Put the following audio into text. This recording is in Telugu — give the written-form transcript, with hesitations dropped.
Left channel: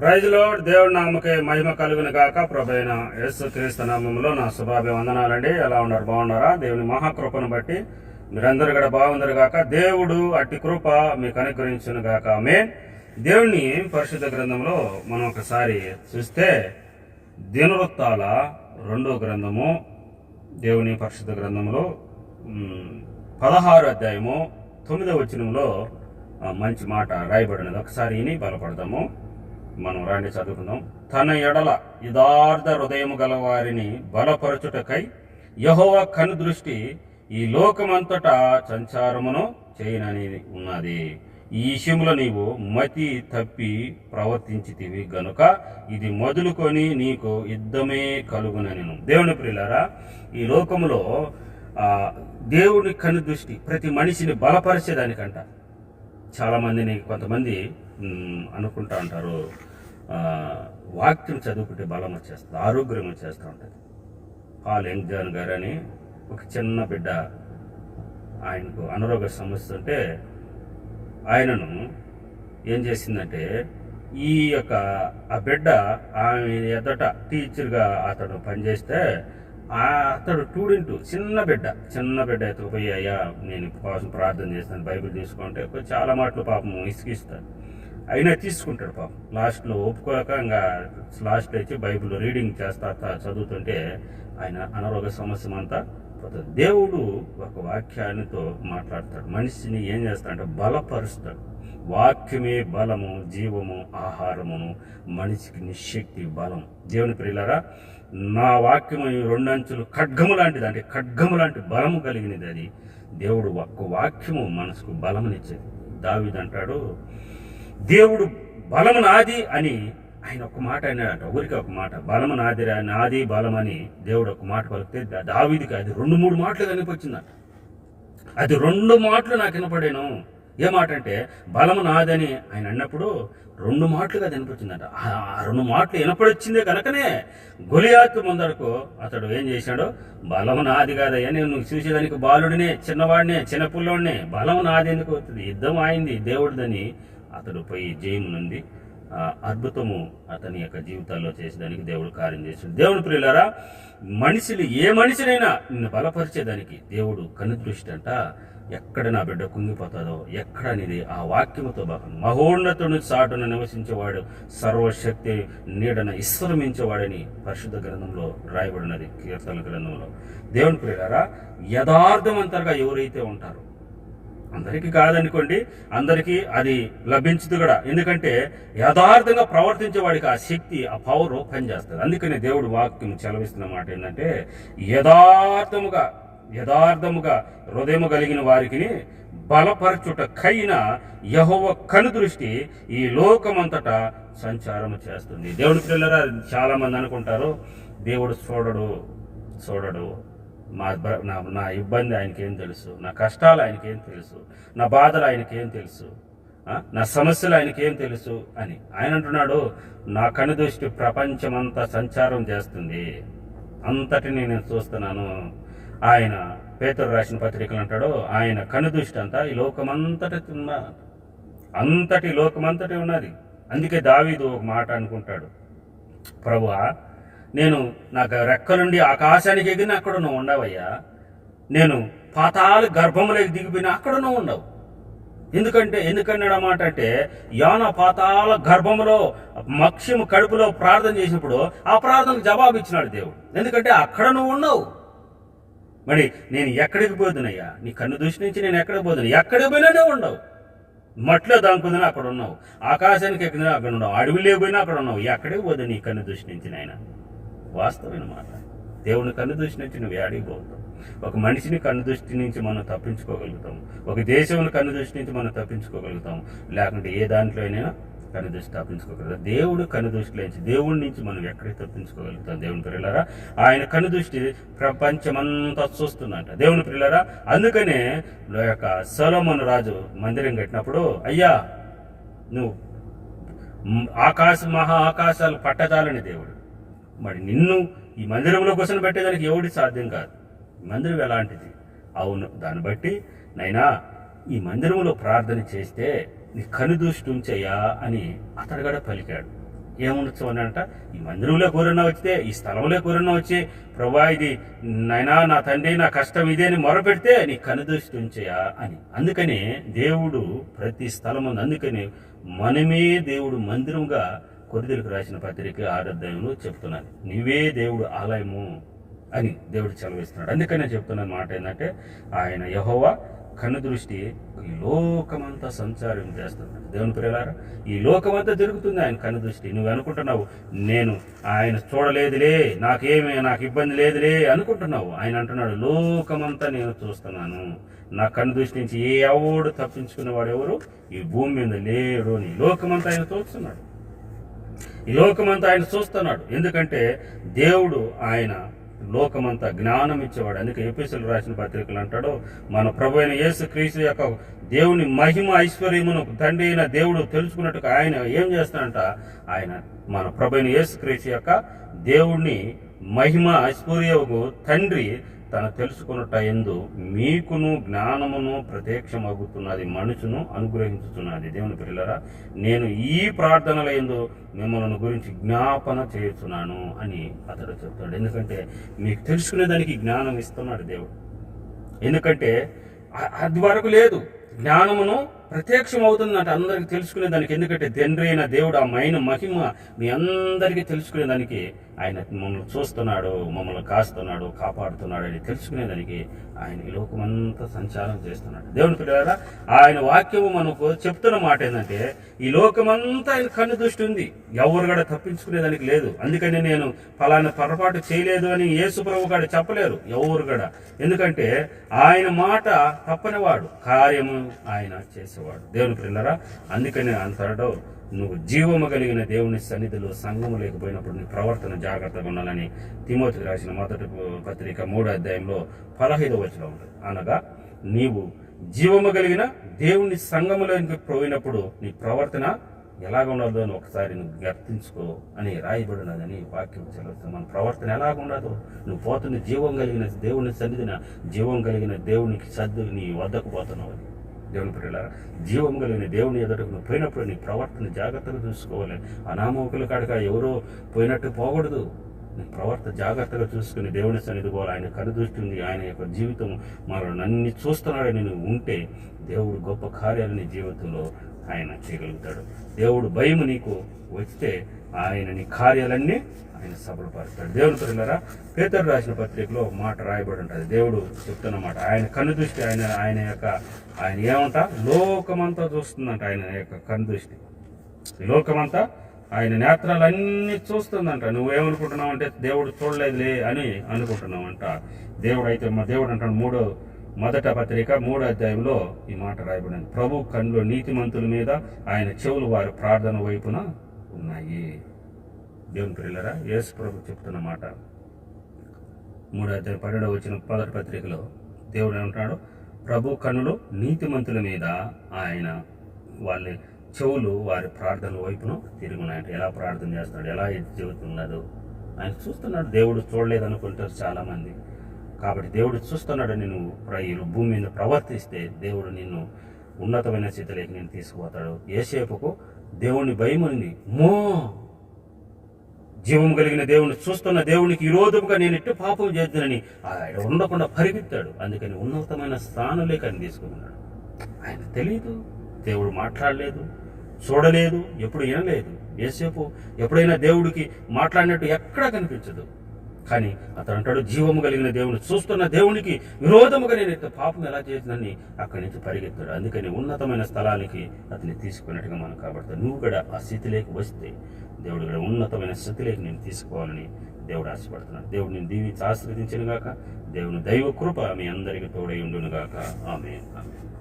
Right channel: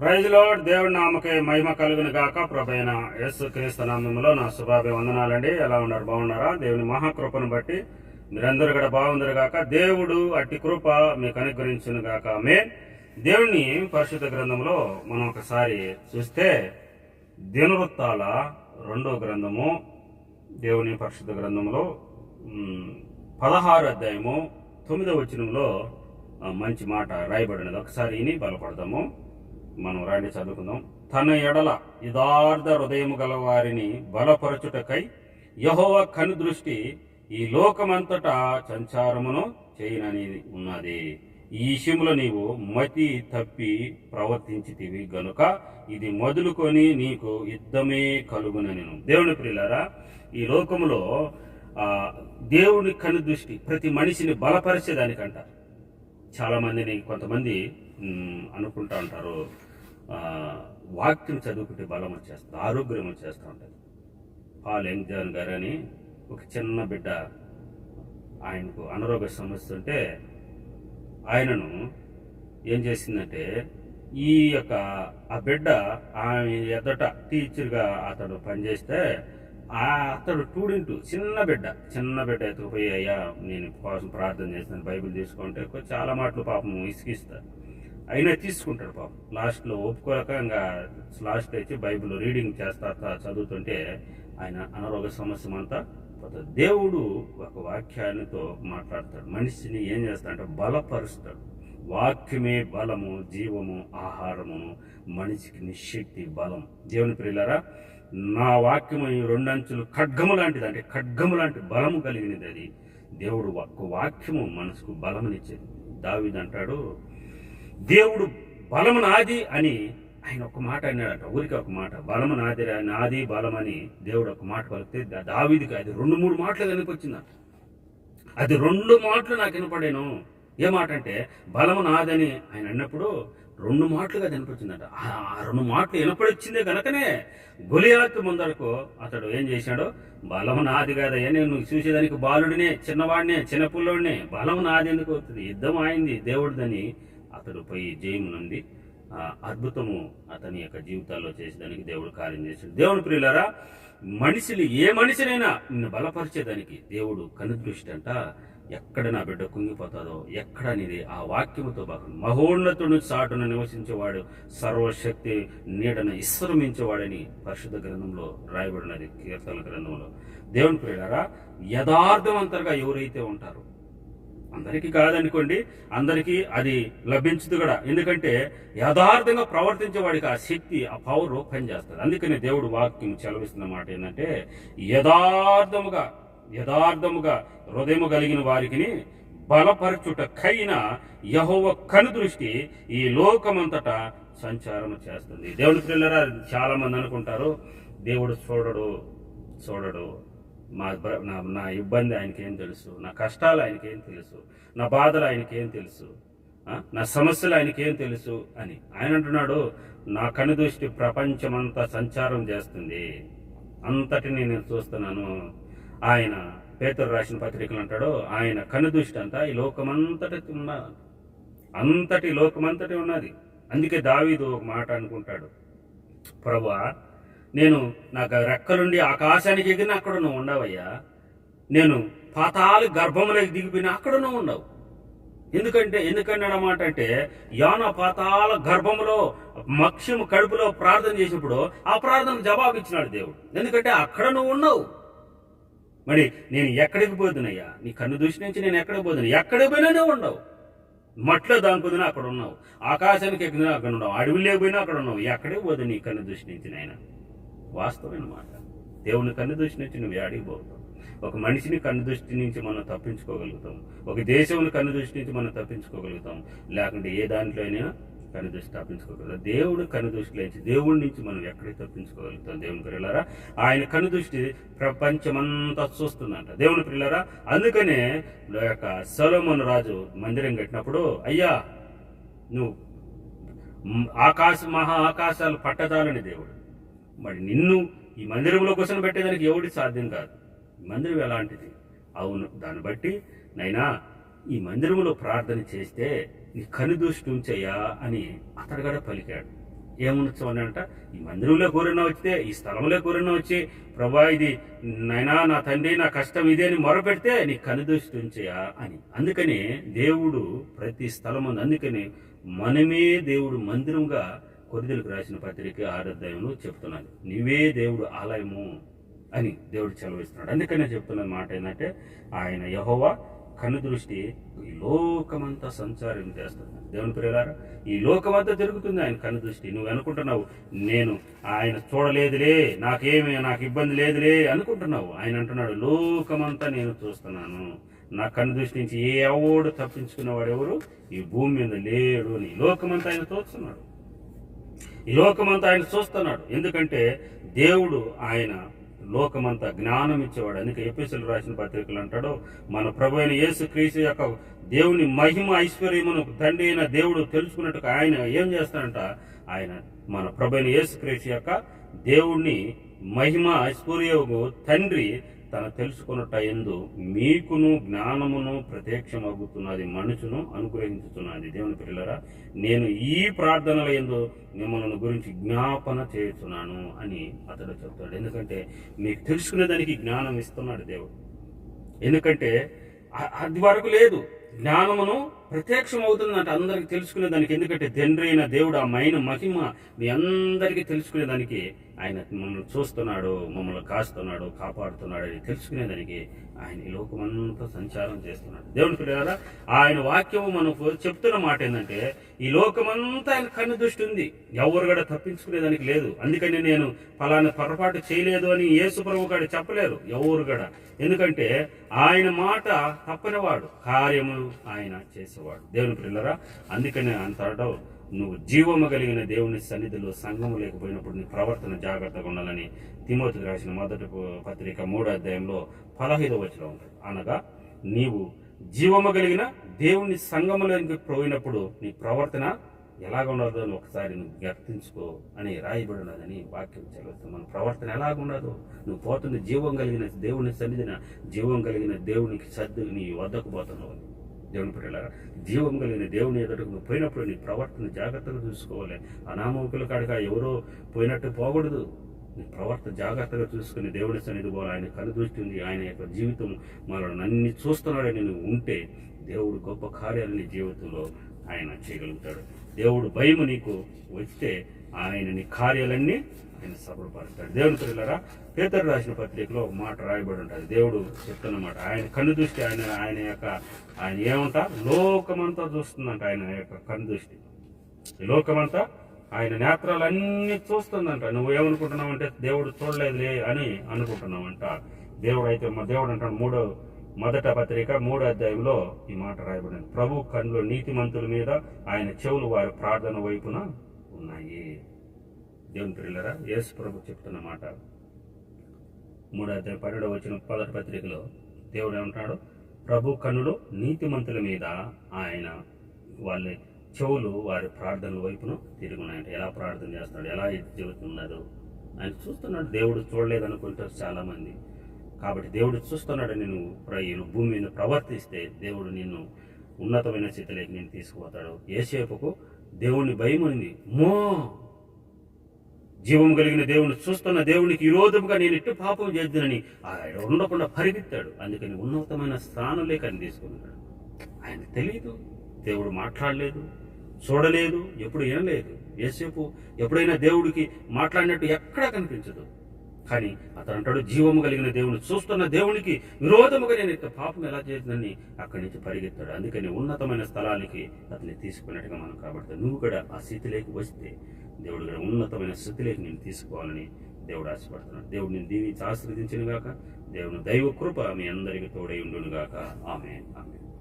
Praise lord. దేవుడి నామకే మహిమ కలుగును గాక. ప్రభైన యేసు క్రీస్తు నామములో నా శుభాభివందనాలండి. ఎలా ఉన్నారు? బాగున్నారా? దేవుని మహాకృపను బట్టి మీరందరూ కూడా బాగుందరు గాక. దేవుడు అట్టి కృప మీకు అనుగ్రహించును గాక. ఆమేన్. దేవుని పరిశుద్ధ గ్రంథంలో మనం ఒకసారి చూస్తే దినవృత్తాల 2వ గ్రంథము, దేవుని పరిశుద్ధ గ్రంథంలో 16వ అధ్యాయము 9వ వచనంలో మంచి మాట రాయబడినది. ఒకసారి ఇని బలపడదాము. మనం రాండి చదువుకుందాం. తన ఎడల యథార్థ హృదయము గల వారిని బలపరచుటకై యెహోవా కనుదృష్టి ఈ లోకమంతటా సంచారమును చేయనని ఉన్నది. ఈ విషయంలో నీవు మతి తప్పి ప్రవర్తించితివి గనుక ఇది మొదలుకొని నీకు యుద్ధమే కలుగునెను. దేవుని ప్రియులారా, ఈ లోకములో దేవుని కనుదృష్టి ప్రతి మనిషిని బలపరిచేదానికంట. చాలామందిని కొంతమంది అనుకుంటా ఉంటారు, వాక్యం చదువుకుంటే బలం వచ్చేస్తుంది, ఆరోగ్యం వచ్చేస్తూ ఉంటుంది. పాల్ యంగ్ జాన్ గారు అని ఒక చిన్న బిడ్డ, ఆయనకు అనారోగ్య సమస్య ఉంటే ఆయనను ఏం చేసిందంటే, ఈ యొక్క ఆ బిడ్డ ఆమె ఎద్దట టీచర్గా అతడు పనిచేస్తే అతడు స్టూడెంట్ చిన్న బిడ్డ ఎత్తుకుపోయి, అయ్యా నేను కోసం ప్రార్థన చేస్తాను, బైబిల్ తీసుకుంటే చాలా మాటలు పాపం ఇసుకిస్తాడు. అయినా తీసుకుంటాడు పాపం. లాస్ట్లో ఒప్పుకోలేక ఇంకా లాస్ట్లో వచ్చి బైబిల్ రీడింగ్ చేస్తా చదువుతుంటే ఆయన అనారోగ్య సమస్య అంతా పోతుంది. దేవుడు ఒక వాక్యానితో మాట్లాడతాడు. మనిషిని ఏం చేస్తాడంటే బలపరుస్తాడు. వాక్యమే బలము, జీవము, ఆహారమును, మనిషికి నిశక్తి, బలం. దేవుని ప్రియులారా, నా వాక్యము 2 అంచులు ఖడ్గము లాంటిది, అంటే ఖడ్గము లాంటి బలము కలిగినది. అది దేవుడు ఒక్క వాక్యము మనసుకు బలమునిచ్చేది. దావీదు అంటాడు, దేవుడు బలము నాది అని ఆయన ఒక మాట అన్నాడట. ఊరికి ఒక మాట, బలము నాది బలమని దేవుడు ఒక మాట పలికితే దావీదుకి అది 2-3 మాటలు కనిపించిందట. అది 2 మాటలు నాకు వినపడాను. ఏ మాట అంటే బలము నాదని ఆయన అన్నప్పుడు 2 మాటలుగా కనిపించిందట. ఆ 2 మాటలు వినపడొచ్చిందే కనుకనే గొలియాతు ముందరకు అతడు ఏం చేశాడు, బలము నాది కాదయ్యా, నేను చూసేదానికి బాలుడినే, చిన్నవాడినే, చిన్నపిల్లోడినే, బలము నాది ఎందుకు అవుతుంది, యుద్ధం ఆయింది దేవుడిదని అతడు పోయి జయమునుంది. అద్భుతము అతని యొక్క జీవితాల్లో చేసేదానికి దేవుడు కార్యం చేశాడు. దేవుని ప్రియులారా, ఏ మనిషినైనా నిన్ను బలపరిచేదానికి దేవుడు కనుదృష్టి అంట. ఎక్కడ నా బిడ్డ కుంగిపోతుందో, ఎక్కడ అనేది ఆ వాక్యముతో భాగం. మహోన్నతుని చాటున నివసించేవాడు సర్వశక్తి నీడన విశ్రమించేవాడని పరిశుద్ధ గ్రంథంలో రాయబడినది, కీర్తన గ్రంథంలో. దేవుని ప్రియులారా, యథార్థవంతంగా ఎవరైతే ఉంటారో, అందరికీ కాదనుకోండి, అందరికీ అది లభించదు కూడా. ఎందుకంటే యథార్థంగా ప్రవర్తించే వాడికి ఆ శక్తి, ఆ పవర్ పనిచేస్తుంది. అందుకనే దేవుడు వాక్యం చెలవిస్తున్న మాట ఏంటంటే, యథార్థముగా హృదయము కలిగిన వారికి బలపరచుటకైన యెహోవా కనుదృష్టి ఈ లోకమంతటా సంచారము చేస్తుంది. దేవుని పిల్లరా, చాలా మంది అనుకుంటారు దేవుడు చూడడు, నా ఇబ్బంది ఆయనకేం తెలుసు, నా కష్టాలు ఆయనకేం తెలుసు, నా బాధలు ఆయనకేం తెలుసు, నా సమస్యలు ఆయనకేం తెలుసు అని. ఆయన అంటున్నాడు, నా కనుదృష్టి ప్రపంచమంతా సంచారం చేస్తుంది, అంతటిని నేను చూస్తున్నాను. ఆయన పేతురు రాసిన పత్రికలు అంటాడు, ఆయన కనుదృష్టి అంతా ఈ లోకమంతటి ఉన్నది. అందుకే దావీదు ఒక మాట అనుకుంటాడు, ప్రభువా, నేను నాకు రెక్కలుండి ఆకాశానికి ఎగిరిన అక్కడ నువ్వు ఉండవయ్యా, నేను పాతాళ గర్భములోకి దిగిపోయినా అక్కడ నువ్వు ఉండవు. ఎందుకన్నాడు అన్నమాట అంటే, యోనా పాతాళ గర్భములో మక్ష్యము కడుపులో ప్రార్థన చేసినప్పుడు ఆ ప్రార్థనకు జవాబు ఇచ్చినాడు దేవుడు. ఎందుకంటే అక్కడ నువ్వు ఉండవు. మరి నేను ఎక్కడికి పోతున్నాయ్యా, నీ కన్ను దృష్టి నుంచి నేను ఎక్కడికి పోతున్నా, ఎక్కడికి పోయినా ఉండవు. మట్లో దాంకుదినా అక్కడ ఉన్నావు, ఆకాశానికి ఎక్కినా అక్కడ ఉన్నావు, అడవిలో పోయినా అక్కడ ఉన్నావు, ఎక్కడికి పోదు నీ కన్ను దృష్టి నుంచి. నాయన వాస్తవమైన మాట. దేవుని కన్ను దృష్టి నుంచి నువ్వు ఏడికి పోతావు. ఒక మనిషిని కన్ను దృష్టి నుంచి మనం తప్పించుకోగలుగుతాం, ఒక దేశంలో కన్ను దృష్టి నుంచి మనం తప్పించుకోగలుగుతాం, లేకుంటే ఏ దాంట్లో అయినా కన్ను దృష్టి తప్పించుకోగలుగుతాం. దేవుడు కన్ను దృష్టిలోంచి, దేవుడి నుంచి మనం ఎక్కడికి తప్పించుకోగలుగుతాం. దేవుని ప్రియులారా, ఆయన కన్ను దృష్టి ప్రపంచమంతా చూస్తుందంట. దేవుని ప్రియులారా, అందుకనే యొక్క సొలొమోను రాజు మందిరం కట్టినప్పుడు, అయ్యా నువ్వు మహా ఆకాశాలు పట్టజాలని దేవుడు, మరి నిన్ను ఈ మందిరంలో కూర్చొని పెట్టేదానికి ఎవడి సాధ్యం కాదు. మందిరం ఎలాంటిది? అవును, దాన్ని బట్టి నైనా ఈ మందిరంలో ప్రార్థన చేస్తే నీ కనుదృష్టి ఉంచయ్యా అని అతడు కూడా పలికాడు. ఏముండొచ్చు అని అంట, ఈ మందిరంలో కోరినా వచ్చితే, ఈ స్థలంలో కోరినా వచ్చి, ప్రభా ఇది నైనా నా తండ్రి నా కష్టం ఇదే అని మొరపెడితే నీ కనుదృష్టి ఉంచేయా అని. అందుకని దేవుడు ప్రతి స్థలం ఉంది. అందుకని మనమే దేవుడు మందిరంగా కొరింథీయులకు రాసిన పత్రిక 6వ అధ్యాయంలో చెప్తున్నాను, నీవే దేవుడు ఆలయము అని దేవుడు సెలవిస్తున్నాడు. అందుకని నేను చెప్తున్న మాట ఏంటంటే, ఆయన యెహోవా కనుదృష్టి ఈ లోకమంతా సంచారం చేస్తున్నాడు. దేవుని ప్రియులారా, ఈ లోకమంతా తిరుగుతుంది ఆయన కనుదృష్టి. నువ్వు అనుకుంటున్నావు నేను ఆయన చూడలేదులే, నాకు ఇబ్బంది లేదులే అనుకుంటున్నావు. ఆయన అంటున్నాడు, లోకమంతా నేను చూస్తున్నాను, నా కనుదృష్టి నుంచి ఏ ఎవడు తప్పించుకునేవాడు ఎవరు ఈ భూమి మీద లేడు అని. లోకమంతా ఆయన చూస్తున్నాడు, ఈ లోకమంతా ఆయన చూస్తున్నాడు. ఎందుకంటే దేవుడు ఆయన లోకమంతా జ్ఞానం ఇచ్చేవాడు. అందుకే ఎఫెసీయులకు రాసిన పత్రికలు అంటాడు, మన ప్రభు అయిన యేసుక్రీస్తు యొక్క దేవుని మహిమ ఐశ్వర్యమును తండ్రి అయిన దేవుడు తెలుసుకున్నట్టుగా ఆయన ఏం చేస్తాడంట, ఆయన మన ప్రభు అయిన యేసుక్రీస్తు యొక్క దేవుణ్ణి మహిమ ఐశ్వర్యము తండ్రి తను తెలుసుకున్నట్ట ఎందు మీకును జ్ఞానమును ప్రత్యక్షమగుతున్నది, మనుషును అనుగ్రహించుతున్నది. దేవుని పిల్లరా, నేను ఈ ప్రార్థనల యందు మిమ్మల్ని గురించి జ్ఞాపన చేస్తున్నాను అని అతడు చెప్తాడు. ఎందుకంటే మీకు తెలుసుకునేదానికి జ్ఞానం ఇస్తున్నాడు దేవుడు. ఎందుకంటే అది వరకు లేదు, జ్ఞానమును ప్రత్యక్షం అవుతుందంటే అందరికీ తెలుసుకునేదానికి. ఎందుకంటే తండ్రి అయిన దేవుడు ఆ మహిమ మీ అందరికీ తెలుసుకునేదానికి ఆయన మమ్మల్ని చూస్తున్నాడు, మమ్మల్ని కాస్తున్నాడు, కాపాడుతున్నాడు అని తెలుసుకునేదానికి ఆయన ఈ లోకమంతా సంచారం చేస్తున్నాడు. దేవుని పిల్లలారా, ఆయన వాక్యము మనకు చెప్తున్న మాట ఏంటంటే, ఈ లోకమంతా ఆయన కన్ను దృష్టి ఉంది, ఎవరు కూడా తప్పించుకునేదానికి లేదు. అందుకని నేను ఫలానా పొరపాటు చేయలేదు అని యేసు ప్రభు గారు చెప్పలేరు ఎవరు కూడా. ఎందుకంటే ఆయన మాట తప్పనివాడు, కార్యము ఆయన చేసేవాడు. దేవుని పిల్లలారా, అందుకని అంటాడు, నువ్వు జీవము కలిగిన దేవుని సన్నిధిలో సంఘము లేకపోయినప్పుడు నీ ప్రవర్తన జాగ్రత్తగా ఉండాలని తిమోతికి రాసిన మొదటి పత్రిక 3వ అధ్యాయంలో 15వ వచనం ఉంటుంది. అనగా నీవు జీవము కలిగిన దేవుని సంఘములోకి పోయినప్పుడు నీ ప్రవర్తన ఎలాగ ఉండదో అని ఒకసారి నువ్వు గుర్తించుకో అని రాయబడి ఉన్నదని వాక్యం చదువుతుంది. మన ప్రవర్తన ఎలాగ ఉండదు, నువ్వు పోతున్న జీవం కలిగిన దేవుని సన్నిధిన జీవం కలిగిన దేవునికి నీ వద్దకు పోతున్నావు అని. దేవుని పిల్లల, జీవం కలిగిన దేవుని ఎదుటకు నువ్వు పోయినప్పుడు నీ ప్రవర్తన జాగ్రత్తగా చూసుకోవాలి. అనామకుల కాడక ఎవరో పోయినట్టు పోకూడదు. నీ ప్రవర్తన జాగ్రత్తగా చూసుకుని దేవుని సన్నిధి పోవాలి. ఆయన కనుదృష్టి ఉంది, ఆయన యొక్క జీవితం మనల్ని అన్ని చూస్తున్నాడని నువ్వు ఉంటే దేవుడు గొప్ప కార్యాలు నీ జీవితంలో ఆయన చేయగలుగుతాడు. దేవుడు భయం నీకు వస్తే ఆయన నీ కార్యాలన్నీ ఆయన సఫలపరుస్తాడు. దేవుని పిల్లలారా, పేతురు రాసిన పత్రికలో ఒక మాట రాయబడి ఉంటుంది. దేవుడు చెప్తున్నమాట, ఆయన కన్ను దృష్టి ఆయన ఏమంట లోకమంతా చూస్తుందంట. ఆయన యొక్క కన్ను దృష్టి లోకమంతా ఆయన నేత్రాలన్నీ చూస్తుందంట. నువ్వేమనుకుంటున్నావు అంటే దేవుడు చూడలేదులే అని అనుకుంటున్నావంట. దేవుడు అంటాడు మొదటి పత్రిక 3వ అధ్యాయంలో ఈ మాట రాయబడింది, ప్రభు కన్నులు నీతిమంతుల మీద, ఆయన చెవులు వారి ప్రార్థన వైపున ఉన్నాయి. దేవుని పిల్లరా, యేసు ప్రభు చెప్తున్న మాట 3వ అధ్యాయం 12వ వచనం మొదటి పత్రికలో దేవుడు ఏమంటున్నాడు, ప్రభు కన్నులు నీతిమంతుల మీద, ఆయన వాళ్ళ చెవులు వారి ప్రార్థనల వైపును తిరిగి ఉన్నాయంట. ఎలా ప్రార్థన చేస్తున్నాడు, ఎలా ఇది చెబుతున్నదో ఆయన చూస్తున్నాడు. దేవుడు చూడలేదు అనుకుంటారు చాలామంది. కాబట్టి దేవుడు చూస్తున్నాడని నువ్వు భూమి మీద ప్రవర్తిస్తే దేవుడు నిన్ను ఉన్నతమైన స్థితిలోకి నేను తీసుకుపోతాడు. యేసేపుకు దేవుని భయం ఉంది. జీవం కలిగిన దేవుని చూస్తున్న దేవునికి విరోధముగా నేను ఎట్టు పాపం చేద్దానని ఆయన ఉండకుండా పరిగెత్తాడు. అందుకని ఉన్నతమైన స్థానంలోకి ఆయన తీసుకున్నాడు. ఆయన తెలియదు, దేవుడు మాట్లాడలేదు, చూడలేదు, ఎప్పుడు వినలేదు. యేసేపు ఎప్పుడైనా దేవుడికి మాట్లాడినట్టు ఎక్కడా కనిపించదు. కానీ అతను అంటాడు, జీవము కలిగిన దేవుని చూస్తున్న దేవునికి విరోధముగా నేను ఇంత పాపం ఎలా చేసిందని అక్కడి నుంచి పరిగెత్తాడు. అందుకని ఉన్నతమైన స్థలానికి అతన్ని తీసుకున్నట్టుగా మనం కాబట్టి నువ్వు కూడా ఆ స్థితిలోకి వస్తే దేవుడు కూడా ఉన్నతమైన స్థితిలోకి నేను తీసుకోవాలని దేవుడు ఆశపడుతున్నాడు. దేవుడు నేను దీవించి ఆశీర్వదించిన గాక. దేవుని దైవ కృప మీ అందరికీ తోడై ఉండును గాక. ఆమేన్.